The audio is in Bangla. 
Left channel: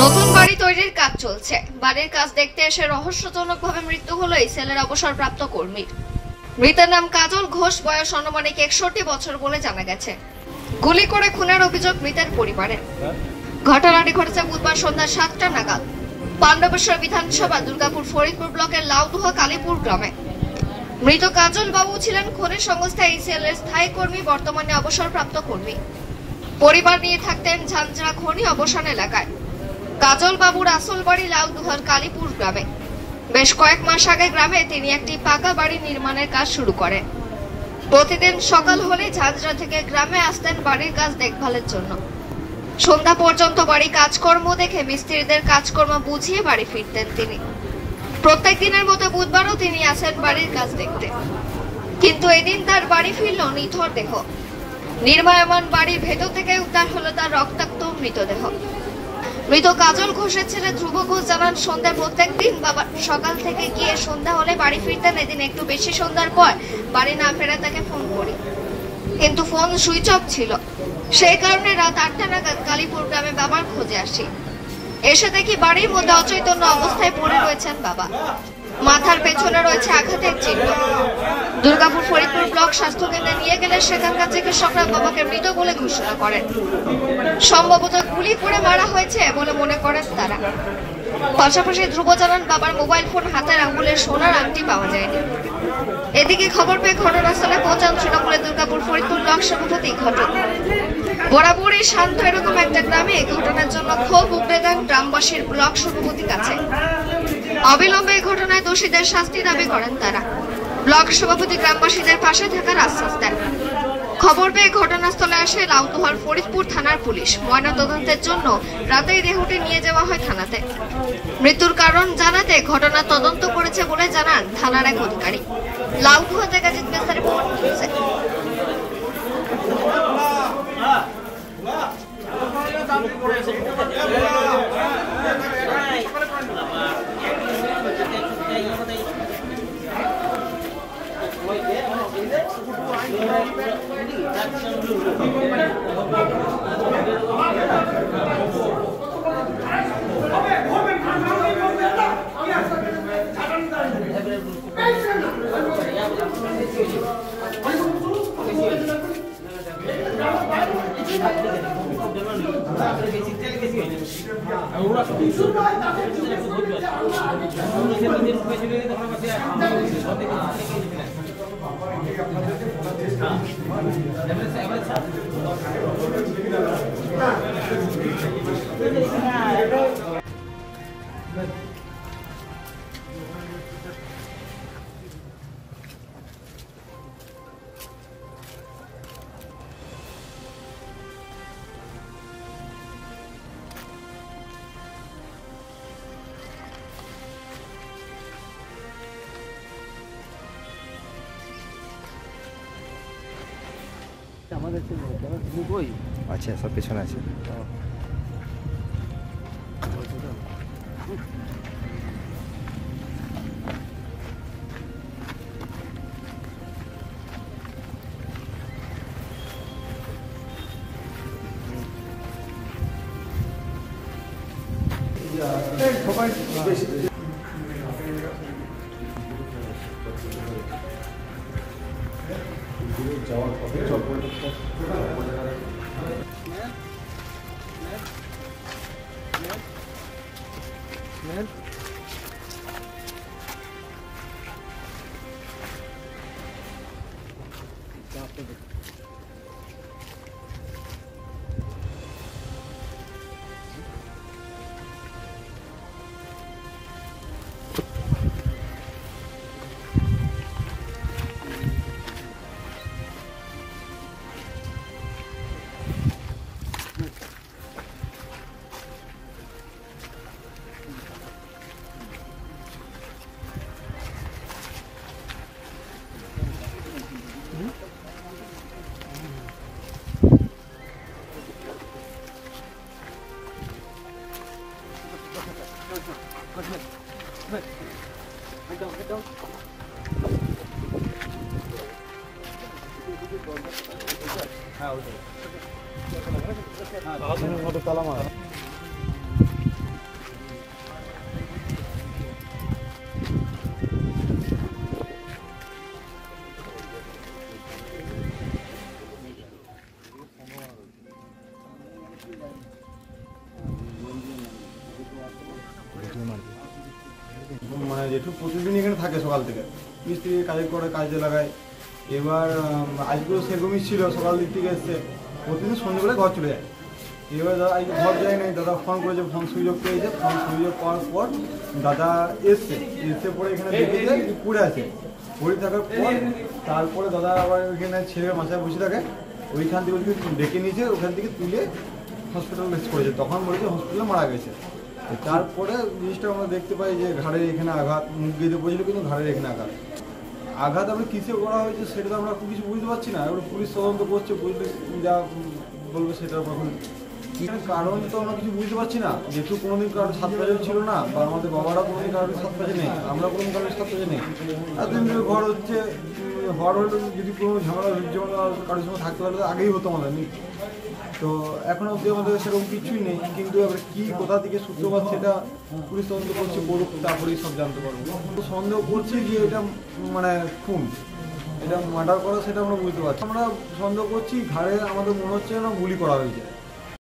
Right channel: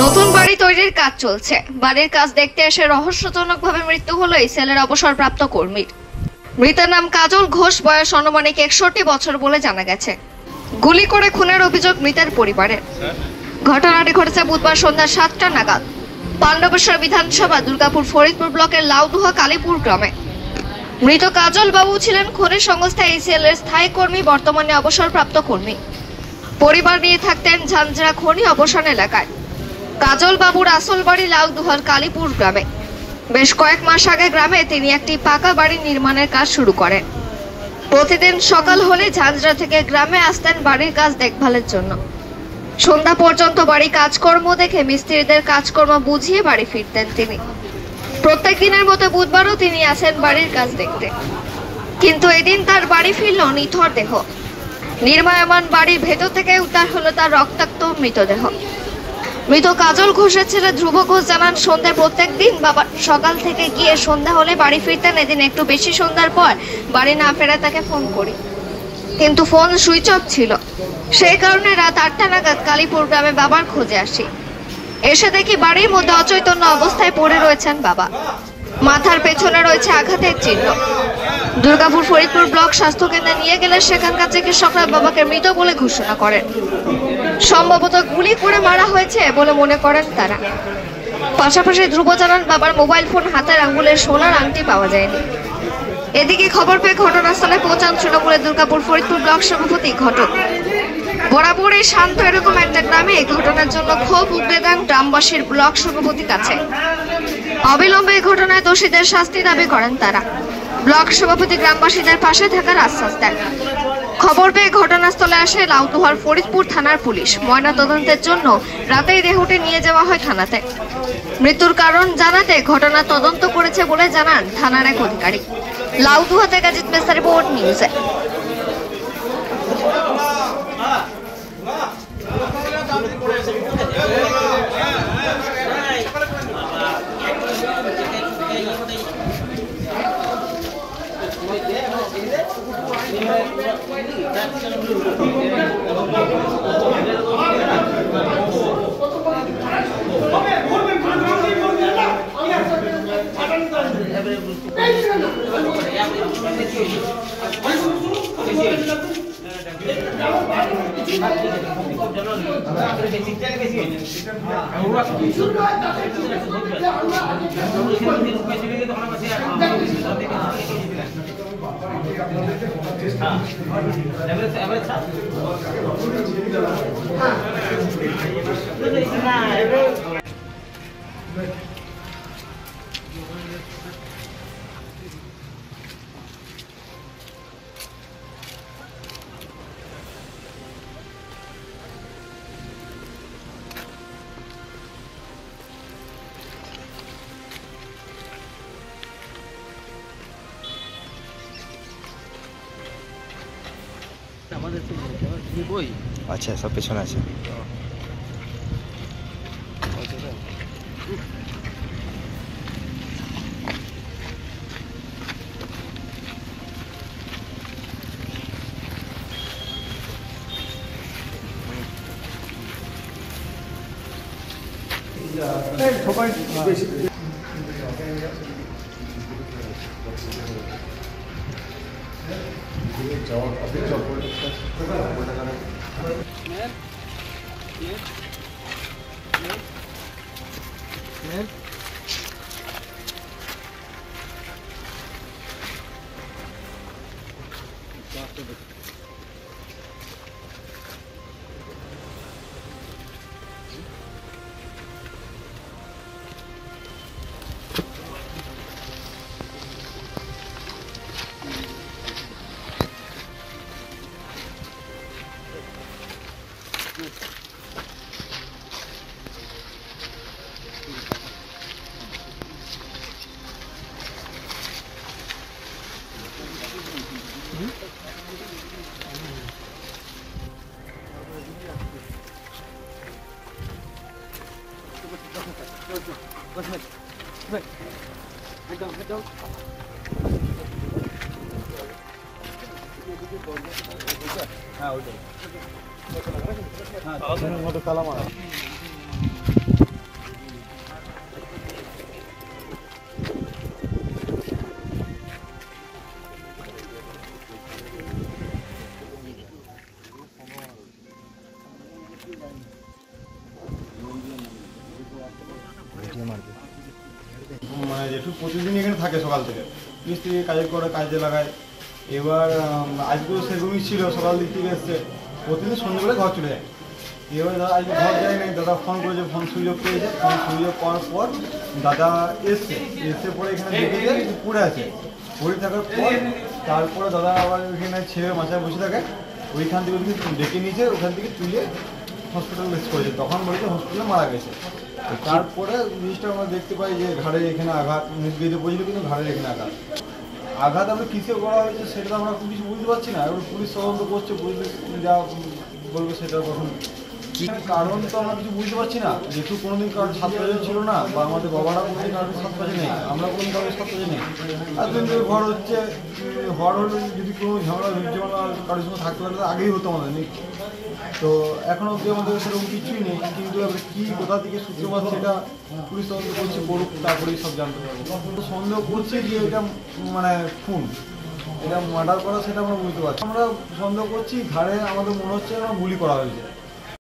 নতুন বাড়ি তৈরির কাজ চলছে। বাড়ির কাজ দেখতে এসে রহস্যজনকভাবে মৃত্যু হলো এই সেলের অবসরপ্রাপ্ত কর্মীর। মৃতের নাম কাজল ঘোষ, বয়স আনুমানিক 61 বছর বলে জানা গেছে। গুলি করে খুনের অভিযোগ মৃতের পরিবারের। ঘটনাটি ঘটেছে বুধবার সন্ধ্যা 7টা নাগাদ পাণ্ডবেশ্বর বিধানসভা দুর্গাপুর ফরিদপুর ব্লকের লাউদুহা কালীপুর গ্রামে। মৃত কাজল বাবু ছিলেন খনি সংস্থা ACL এর স্থায়ী কর্মী, বর্তমানে অবসরপ্রাপ্ত কর্মী। পরিবার নিয়ে থাকতেন ঝাঞ্ঝরা খনি অবসান এলাকায়। কাজল বাবুর আসল বাড়ি লাউদুহার কালীপুর গ্রামে। বেশ কয়েক মাস আগে গ্রামে তিনি একটি পাকা বাড়ি নির্মাণের কাজ শুরু করেন। প্রতিদিন সকাল হলে ঝাঞ্ঝরা থেকে গ্রামে আসতেন বাড়ির কাজ দেখভালের জন্য। সন্ধ্যা পর্যন্ত বাড়ি কাজকর্ম দেখে মিস্ত্রিদের কাজকর্ম বুঝিয়ে বাড়ি ফিরতেন তিনি। প্রত্যেক দিনের মতো বুধবারও তিনি আসেন বাড়ির কাজ দেখতে, কিন্তু এদিন তার বাড়ি ফিরল নিথর দেহ। নির্মায়মান বাড়ির ভেতর থেকে উদ্ধার হলো তার রক্তাক্ত মৃতদেহ। মৃত কাজল ঘোষের ছেলে ধ্রুব ঘোষ জানান, সন্ধ্যে প্রত্যেক দিন বাবা সকাল থেকে গিয়ে সন্ধ্যা হলে বাড়ি ফিরতেন। এদিন একটু বেশি সন্ধ্যার পর বাড়ি না ফেরায় তাকে ফোন করি, কিন্তু ফোন সুইচ অফ ছিল। সেই কারণে রাত 8টা নাগাদ কালীপুর গ্রামে বাবার খোঁজে আসি। এসে দেখি বাড়ির মধ্যে অচৈতন্য অবস্থায় পড়ে রয়েছেন বাবা। মাথার পেছনে রয়েছে আঘাতের চিহ্ন। দুর্গাপুর ফরিদপুর ব্লক স্বাস্থ্য কেন্দ্রে নিয়ে গেলে সেখানকার চিকিৎসকরা বাবাকে মৃত বলে ঘোষণা করেন। সম্ভবত গুলি করে মারা হয়েছে বলে মনে করেন তারা। পাশাপাশি ধ্রুব জানান, বাবার মোবাইল ফোন, হাতের আঙ্গুলের সোনার আংটি পাওয়া যায়নি। এদিকে খবর পেয়ে ঘটনাস্থলে পৌঁছান তৃণমূলের দুর্গাপুর ফরিদপুর ব্লক সভাপতি ঘটক। বরাবরই শান্ত এরকম একটা গ্রামে এই ঘটনার জন্য ক্ষোভ উগড়ে দেন গ্রামবাসীর ব্লক সভাপতির কাছে। অবিলম্বে এই ঘটনায় দোষীদের শাস্তি দাবি করেন তারা। ব্লক সভাপতি গ্রামবাসীদের পাশে থাকার আশ্বাস দেন। খবর পেয়ে ঘটনাস্থলে আসে লাউদুহার ফরিদপুর থানার পুলিশ। ময়নাতদন্তের জন্য রাতেই দেহটি নিয়ে যাওয়া হয় থানাতে। মৃত্যুর কারণ জানাতে ঘটনা তদন্ত করেছে বলে জানান থানার এক অধিকারী। লাউদুহা থেকে জিৎ মেসা, রিপোর্ট নিউজে। আচ্ছা, সব পেছনে আছে। মানে যেটু প্রতিদিন এখানে থাকে সকাল থেকে মিস্ত্রি কাজ করে কাজে লাগায়। এবার আজকেও সেরকমই ছিল, সকাল দিক থেকে এসছে, প্রতিদিন সন্ধ্যেবেলা ঘর চলে যায়। এবার দাদা আজকে ঘর যায় নাই, দাদা ফোন করেছে, ফোন সুযোগ পেয়েছে, ফোন সুযোগ পাওয়ার পর দাদা এসে পরে এখানে দেখেছে পড়ে আছে। পড়ে থাকার পর তারপরে দাদা আবার ওইখানে ছেলে মাথায় বসে থাকে, ওইখান থেকে ওদিকে ডেকে নিয়েছে, ওখান থেকে তুলে হসপিটাল করেছে। তখন বলেছে হসপিটালে মারা গেছে। তারপরে জিনিসটা আমরা দেখতে পাই যে ঘাড়ে এখানে আঘাত, মুখ গেঁজে পড়েছিল কিন্তু ঘাড়ের এখানে আঘাত আমরা কিসে করা হয়েছে সেটা তো আমরা খুব কিছু বুঝতে পারছি না। এবার পুলিশ তদন্ত করছে, পুলিশ যা বলবে সেটা কখন কারণ তো আমরা কিছু বুঝতে পারছি না। যেহেতু কোনোদিন কারোর সাত পাঁচে ছিল না, বা আমাদের বাবারা কোনোদিন কারোর সাত পাঁচে নেই, আমরা কোনোদিন কারোর সাত পাঁচে নেই। এতদিন ধরে ঘর হচ্ছে, ঘর হলে যদি কোনো ঝামেলা যেমন কারোর সঙ্গে থাকতে পারলে আগেই হতো আমাদের নেই। তো এখনো অব্দি আমাদের সেরকম কিছুই নেই, কিন্তু এবার কি কোথা থেকে সূত্রপাত সেটা পুলিশ তদন্ত করছে, করুক, তারপরেই সব জানতে পারবো। সন্দেহ করছি যে এটা মানে খুন, এটা মার্ডার করা সেটা আমরা বুঝতে পারছি। আমরা সন্দেহ করছি ঘাড়ে আমাদের মনে হচ্ছে না গুলি করা হয়েছে।